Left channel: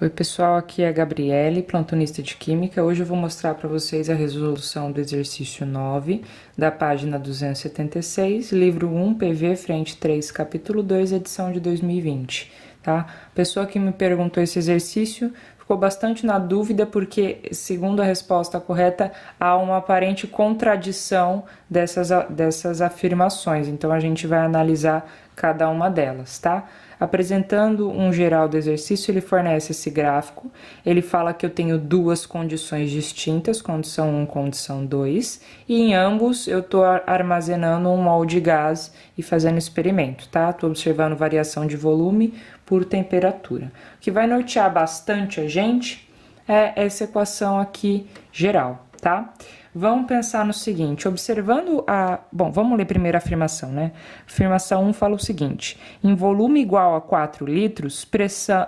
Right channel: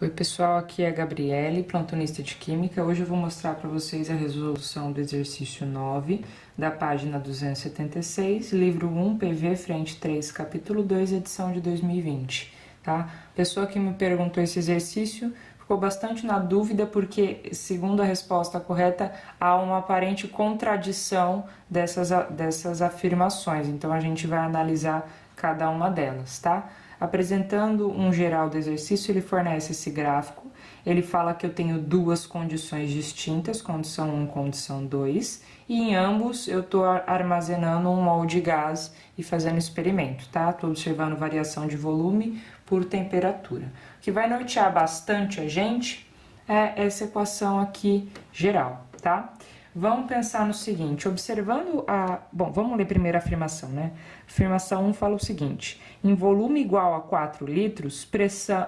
Oi pessoal, aqui é a Gabriele, plantonista de Química. Hoje eu vou mostrar para vocês a resolução do exercício 9, da página 276, livro 1, PV, frente 3, capítulo 2, edição de 2020, tá? A pessoa que me perguntou esse exercício ficou bastante na dúvida porque, segundo a resposta correta, há uma aparente contradição dessas afirmações. Então, a gente vai analisar cada uma delas, tá? Apresentando um geral do exercício, ele fornece esse gráfico, ele fala que eu tenho duas condições distintas, condição 1 e condição 2, e em ambos eu estou armazenando um mol de gás e fazendo experimento, tá? Estou observando variação de volume por temperatura. O que vai nortear bastante a gente é essa equação aqui geral, tá? Vamos pensar no seguinte, observando a... Bom, vamos ler primeiro a afirmação, né? Afirmação 1 fala o seguinte, em volume igual a 4 litros,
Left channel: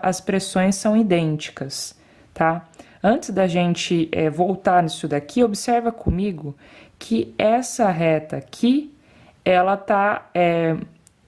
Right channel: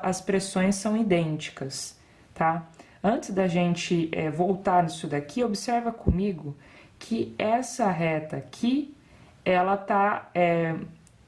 as pressões são idênticas, tá? Antes da gente voltar nisso daqui, observa comigo que essa reta aqui, ela tá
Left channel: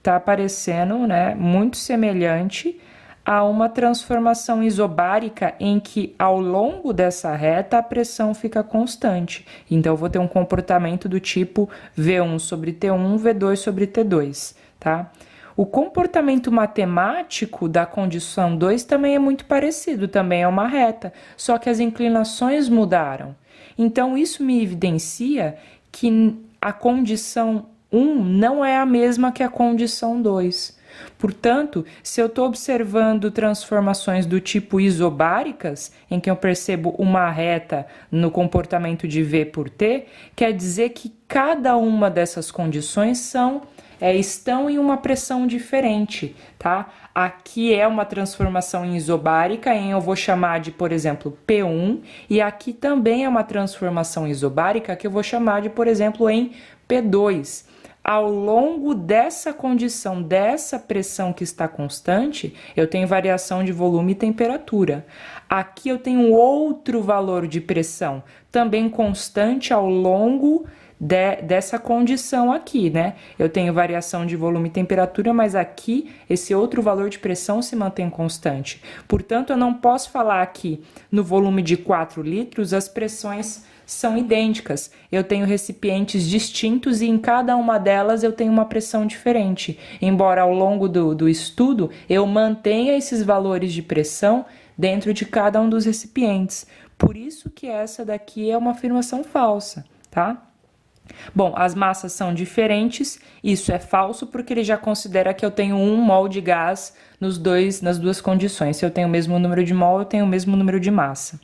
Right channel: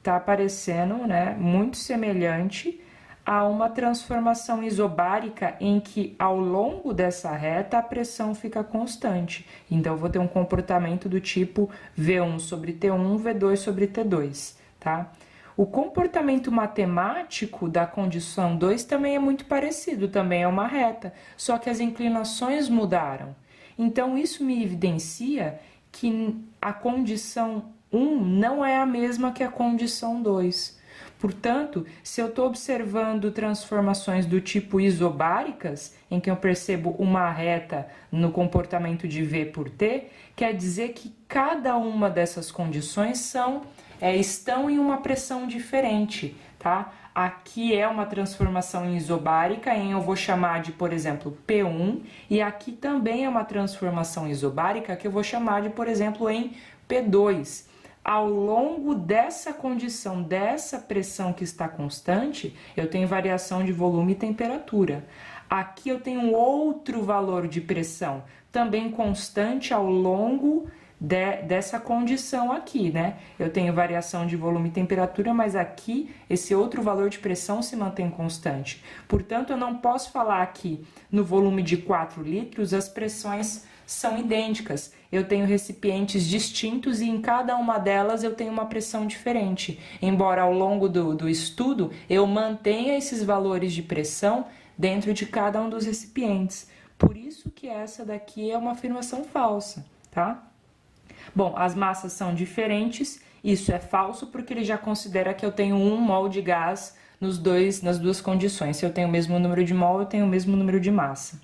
aparecendo, né, muito semelhante a uma transformação isobárica em que, ao longo dessa reta, a pressão fica constante. Então, eu vou ter um comportamento do tipo V1 sobre T1, V2 sobre T2, tá? O comportamento matemático da condição 2 também é muito parecido, também é uma reta, só que as inclinações mudaram. Então, isso me evidencia que a condição 1 não é a mesma que a condição 2. Portanto, se eu estou observando transformações do tipo isobáricas, em que eu percebo uma reta no comportamento de V por T, quer dizer que cada uma dessas condições estão em uma pressão diferente, tá? Aqui é uma transformação em isobárica, eu vou chamar de, por exemplo, P1, e aqui também é uma transformação isobárica que eu vou chamar de, por exemplo, em P2. Ao longo dessa condição, dessa pressão que está constante, eu tenho variação de volume e temperatura. Aqui eu tenho outro valor de pressão, também constante ao longo dessa condição aqui, né? Eu tenho variação de volume e temperatura, mas aqui esse outro valor de pressão se mantém constante. Portanto, eu não posso falar que no volume de 4 litros as pressões são idênticas. Eu tenho recipientes distintos e em cada uma delas eu tenho uma pressão diferente. Embora ao longo do estudo eu mantenha esses valores de pressão dentro de cada um dos recipientes. Por isso que essa daqui é uma afirmação falsa, tá? Bom, as massas são diferentes, isso é falso porque ele já considera que eu tenho 1 mol de gás nas duas condições. Se eu tenho o mesmo número de mol, eu tenho o mesmo número de massa.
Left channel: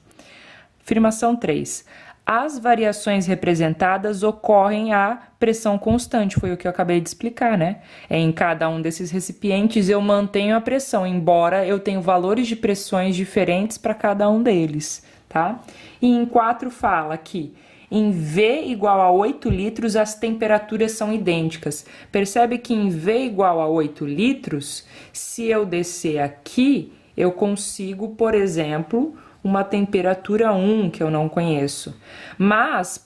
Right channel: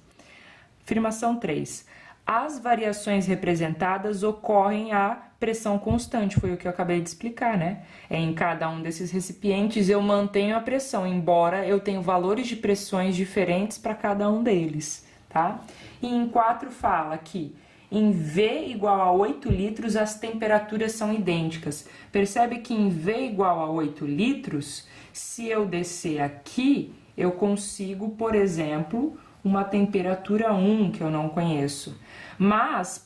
Afirmação 3. As variações representadas ocorrem à pressão constante, foi o que eu acabei de explicar, né? Em cada um desses recipientes eu mantenho a pressão, embora eu tenha valores de pressões diferentes para cada um deles, tá? E em 4 fala que em V igual a 8 litros as temperaturas são idênticas. Percebe que em V igual a 8 litros, se eu descer aqui, eu consigo, por exemplo, uma temperatura 1 que eu não conheço. Mas,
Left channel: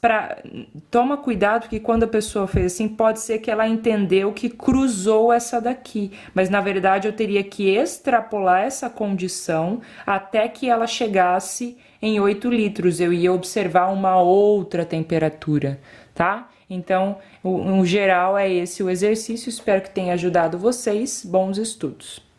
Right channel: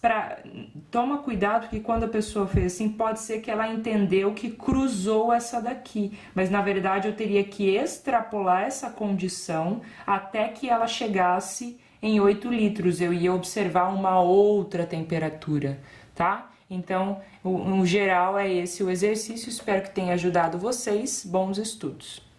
toma cuidado que quando a pessoa fez assim, pode ser que ela entendeu que cruzou essa daqui. Mas, na verdade, eu teria que extrapolar essa condição até que ela chegasse em 8 litros. Eu ia observar uma outra temperatura, tá? Então, no geral, é esse o exercício. Espero que tenha ajudado vocês. Bons estudos!